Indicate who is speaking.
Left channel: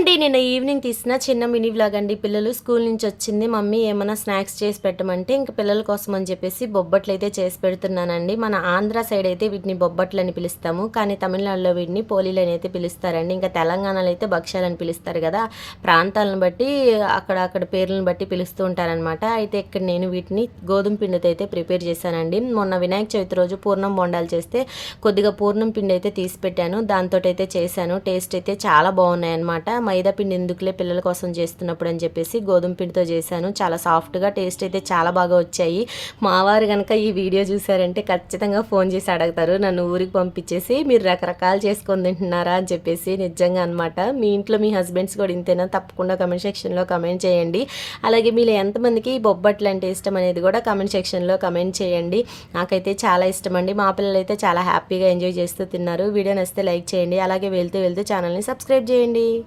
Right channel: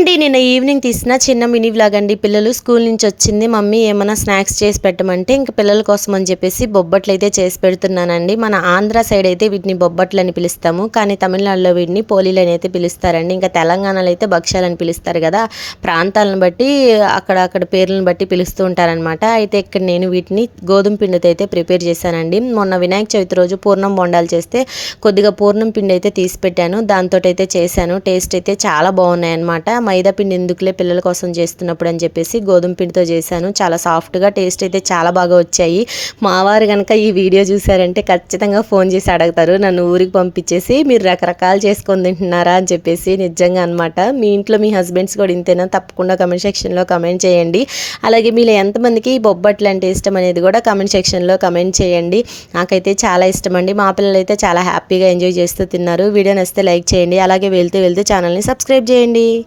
Speaker 1: అండి నిన్న ఈవినింగ్ తీసిన చిన్న మినీ వ్లాగ్ అండి. పిల్లలు స్కూల్ నుంచి వచ్చింది. మమ్మీ ఏమైనా స్నాక్స్ చేసి పెట్టమంటే ఇంకా పిల్లల కోసం అని చెప్పేసి బొబ్బట్లు అయితే చేసి పెడుతున్నానండి. మన ఆంధ్ర సైడ్ అయితే వీటిని బొబ్బట్లు అని పిలుస్తాము. కానీ తమిళనాడులో వీటిని పోలీలు అని అయితే పిలుస్తారండి. ఇంకా తెలంగాణలో అయితే భక్ష్యాలని పిలుస్తారు కదా. ప్రాంతాలను బట్టి అక్కడ అక్కడ పేర్లను బట్టి పిలుస్తూ ఉంటారనమాట అయితే ఇక్కడ నేను వీటిని గోధుమ పిండితో అయితే ప్రిపేర్ చేశానండి. మొన్న వినాయక చవితి రోజు పూర్ణం బొండాలు చేస్తే కొద్దిగా పూర్ణం పిండి అయితే తీసి పెట్టాను. దాంతో అయితే చేశాను. టేస్ట్ అయితే చాలా బాగున్నాయి అనమాట మైదా పిండి ఎందుకులే పిల్లల కోసం చేస్తున్నప్పుడు అని చెప్పేసి గోధుమ పిండితో చేశాను. చాలా సాఫ్ట్గా టేస్ట్ అయితే చాలా బాగా వచ్చాయి. మావారు కనుక ఈ వీడియో చూసారంటే ఖచ్చితంగా ఫోన్ చేసి అడుగుతారు. నన్ను ఊరికి పంపించేసి మీరు రకరకాలు చేసుకొని తింటున్నారా అని చెప్పేసి నిజంగా అనమాట మీ ఇంట్లో మీ హస్బెండ్స్ కూడా ఇంతేనా? తప్పకుండా కమెంట్ సెక్షన్లో కమెంట్ చేయండి. అలాగే మీరు ఎంతమందికి ఈ బొబ్బట్లు అంటే ఇష్టం అనేది కూడా కమెంట్ సెక్షన్లో కమెంట్ చేయండి. నాకైతే చాలా ఇష్టం అండి. మా పిల్లలు అయితే చాలా హ్యాపీగా ఎంజాయ్ చేస్తూ తిన్నారు. వీడియో నచ్చితే లైక్ చేయండి. అలాగే వెళ్తూ వెళ్తూ ఛానల్ని సబ్స్క్రైబ్ చేయండి.